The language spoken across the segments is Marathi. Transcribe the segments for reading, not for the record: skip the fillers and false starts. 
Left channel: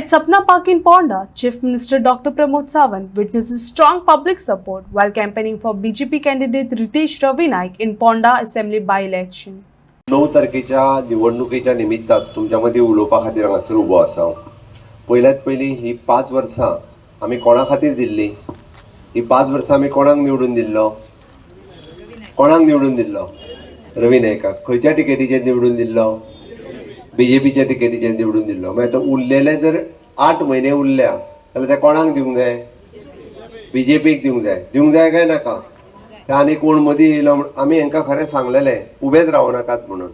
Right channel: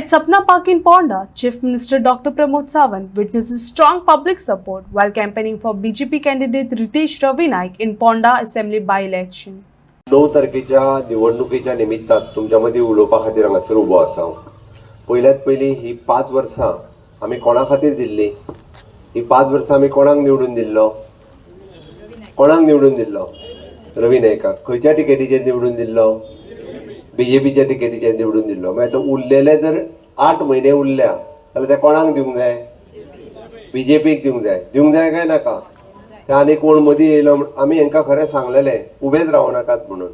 At Sapna Park in Ponda, Chief Minister Dr. Pramod Sawant witnesses strong public support while campaigning for BJP candidate Ritesh Ravi Naik in Ponda Assembly by-election. 9 तारखेच्या निवडणुकीच्या निमित्तात तुमच्यामध्ये उलोवपा खातीर हांगासर उबो आसा। पयल्यात पयली ही 5 वर्सां आमी कोणा खातीर दिल्ली? ही 5 वर्सां आमी कोणाक निवडून दिल्लो? रवी नायकाक। खंयच्या टिकेटीचेर निवडून दिल्लो? बीजेपीच्या टिकेटीचेर निवडून दिल्लो। मागीर आतां उरलेले जर 8 म्हयने उरल्या जाल्यार ते कोणाक दिवंक जाय? बीजेपीक दिवंक जाय काय नाका? ते आनी कोण मदीं येयलो आमी हांकां खरें सांगलेलें उबेच रावं नाकात म्हणून,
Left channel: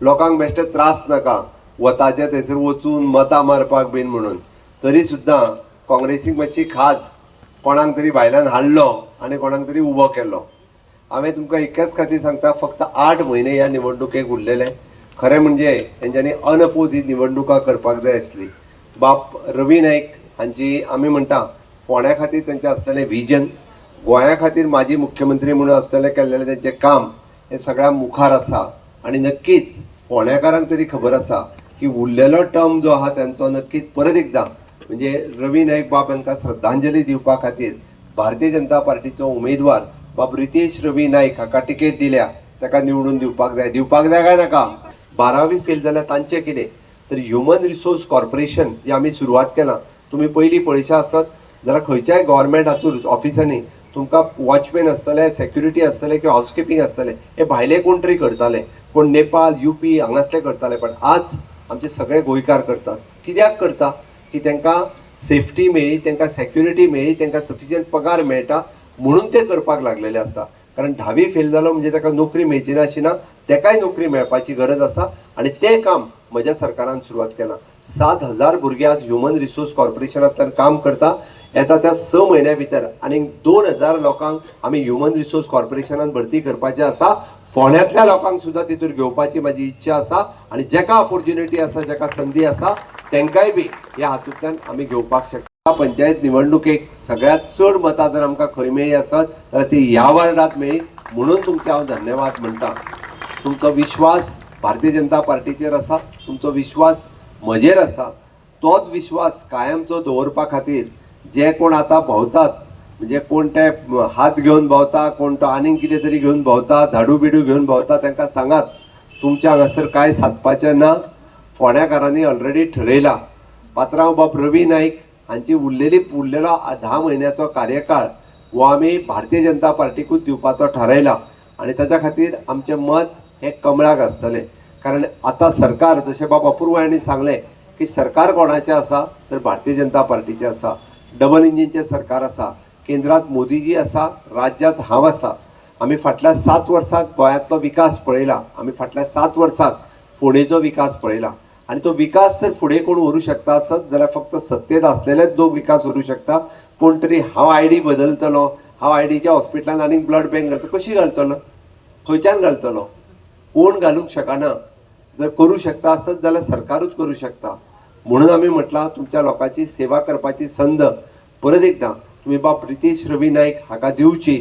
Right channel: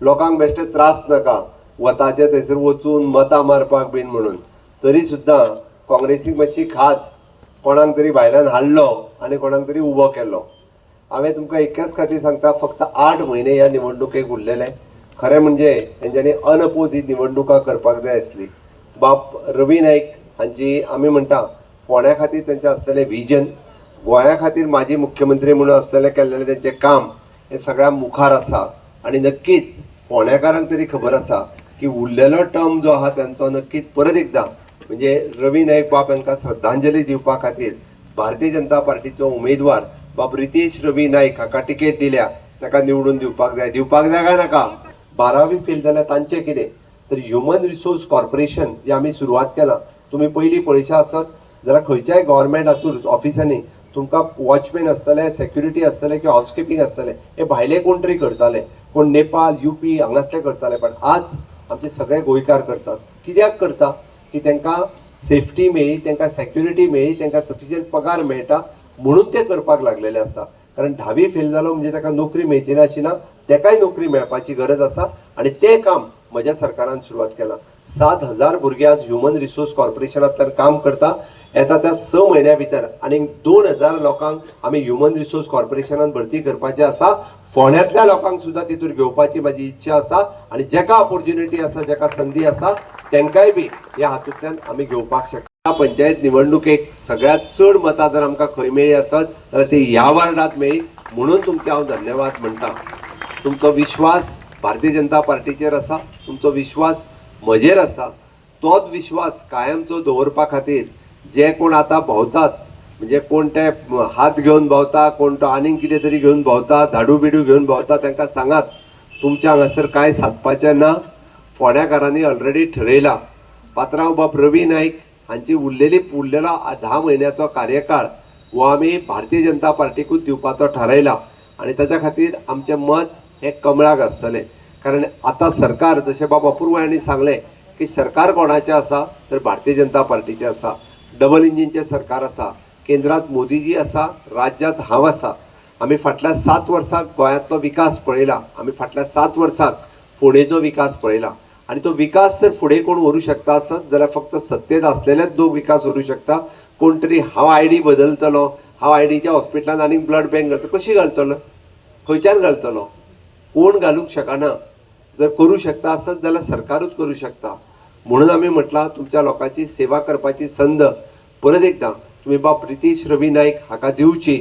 लोकांक बेश्टे त्रास नाका वताचे थंयसर वचून मतां मारपाक बीन म्हणून। तरी सुद्दां काँग्रेसीक मातशी खाज कोणाक तरी भायल्यान हाडलो आनी कोणाक तरी उबो केलो। हांवें तुमकां इतकेच खातीर सांगता, फक्त 8 म्हयने ह्या निवडणुकेक उरलेले। खरें म्हणजे तेंच्यांनी अनपोज ही निवडणुका करपाक जाय आसली। बाब रवी नायक हांची आमी म्हणटा फोंड्या खातीर तेंचें आसलेलें व्हिजन, गोंया खातीर माजी मुख्यमंत्री म्हणून आसलेलें केल्लेलें तेंचें काम हें सगळ्या मुखार आसा। आनी नक्कीच फोंड्याकारांक तरी खबर आसा की उरलेलो टर्म जो आहा तेंचो नक्कीच परत एकदां म्हणजे रवी नायक बाब हांकां श्रद्धांजली दिवपा खातीर भारतीय जनता पार्टीचो उमेदवार बाब रितेश रवी नायक हाका टिकेट दिल्या, ताका निवडून दिवपाक जाय काय नाका? 12वी फेल जाल्यार तांचें कितें? तर ह्युमन रिसोर्स कॉर्पोरेशन जे आमी सुरवात केलां, तुमी पयलीं पळयशा आसत जाल्यार खंयच्याय गव्हर्मेंट हातूंत ऑफिसांनी तुमकां वॉचमॅन आसतले, सेक्युरिटी आसतले किंवा हावजकीपिंग आसतले, हे भायले कोण तरी करताले, कोण नेपाळ UP हांगातले करताले। पण आज आमचे सगळे गोंयकार करतात। कित्याक करता? की तांकां सेफ्टी मेळ्ळी, तांकां सेक्युरिटी मेळ्ळी, तांकां सफिशियंट पगार मेळटा म्हणून ते करपाक लागलेले आसा। कारण 10वी फेल जालो म्हणजे ताका नोकरी मेळची ना अशी ना, ताकाय नोकरी मेळपाची गरज आसा आनी तें काम म्हज्या सरकारान सुरवात केलां। 7,000 भुरगे आज ह्युमन रिसोर्स कॉर्पोरेशनांतल्यान काम करता। येता त्या 6 म्हयन्या भितर आनीक 2,000 लोकांक आमी ह्युमन रिसोर्स कॉर्पोरेशनान भरती करपाचें आसा। फोंड्यांतल्या लोकांक सुद्दां तितूर घेवपाची म्हाजी इच्छा आसा आनी जाका ऑपॉर्च्युनिटी आसा, जाका संदी आसा, तांकांय बी ह्या हातूंतल्यान आमी घेवपाक शकता। पंचायत निवडणुकेक सगळ्यांत चड मतां जर आमकां खंय मेळ्ळी आसत जाल्यार ती ह्या वार्डांत मेळ्ळी, म्हणून तुमचे हांव धन्यवाद म्हणटा। तुमचो विश्वास भारतीय जनता पार्टीचेर आसा, तुमचो विश्वास म्हजेर आसा। तोच विश्वास कायमचो दवरपा खातीर जे कोण आतां भोंवतात, म्हणजे कोण ते हात घेवन भोंवता, कोण तो आनीक कितें तरी घेवन भोंवता, झाडू बिडू घेवन भोंवता, तांकां सांगात तुमच्या हांगासर कांय सादपाचें ना। फोंड्याकारांनी ऑलरेडी ठरयलां। पात्रांव बाब रवी नायक हांची उरलेलो 10 म्हयन्याचो कार्यकाळ हो आमी भारतीय जनता पार्टीकूच दिवपाचो थारायला आनी ताच्या खातीर आमचें मत हे कमळाक आसतलें। कारण आतां सरकार जशें बाब अपूर्व हांणी सांगलें की सरकार कोणाचें आसा तर भारतीय जनता पार्टीचें आसा। डबल इंजिनचें सरकार आसा, केंद्रांत मोदीजी आसा, राज्यांत हांव आसा। आमी फाटल्या 7 वर्सांक गोंयांतलो विकास पळयला, आमी फाटल्या 7 वर्सांक फोंडेचो विकास पळयला आनी तो विकास जर फुडें कोण व्हरूंक शकता आसत जाल्यार फक्त सत्तेत आसलेलेच लोक विकास व्हरूंक शकता। कोण तरी हांव ID बदलतलो, हांव IDच्या हॉस्पिटलांत आनीक ब्लड बँक घालतलो, कशी घालतलो? खंयच्यान घालतलो? कोण घालूंक शकना। जर करूं शकता आसत जाल्यार सरकारूच करूं शकता। म्हणून आमी म्हटलां तुमच्या लोकांची सेवा करपाची संद परत एकदां तुमी बाब रितेश रवी नायक हाका दिवची,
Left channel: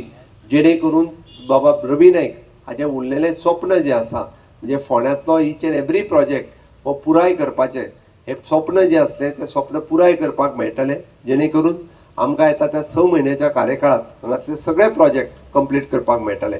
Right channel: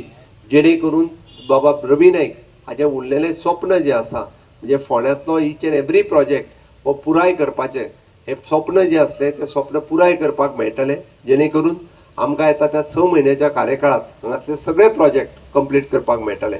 जेणे करून बाबा रवी नायक हाचें उरलेलें स्वप्न जें आसा म्हणजे फोंड्यांतलो ईच एंड एवरी प्रोजेक्ट हो पुराय करपाचें, हें स्वप्न जें आसलें तें स्वप्न पुराय करपाक मेळटलें, जेणे करून आमकां येता त्या 6 म्हयन्याच्या कार्यकाळांत हांगातले सगळे प्रोजेक्ट कंप्लीट करपाक मेळटले।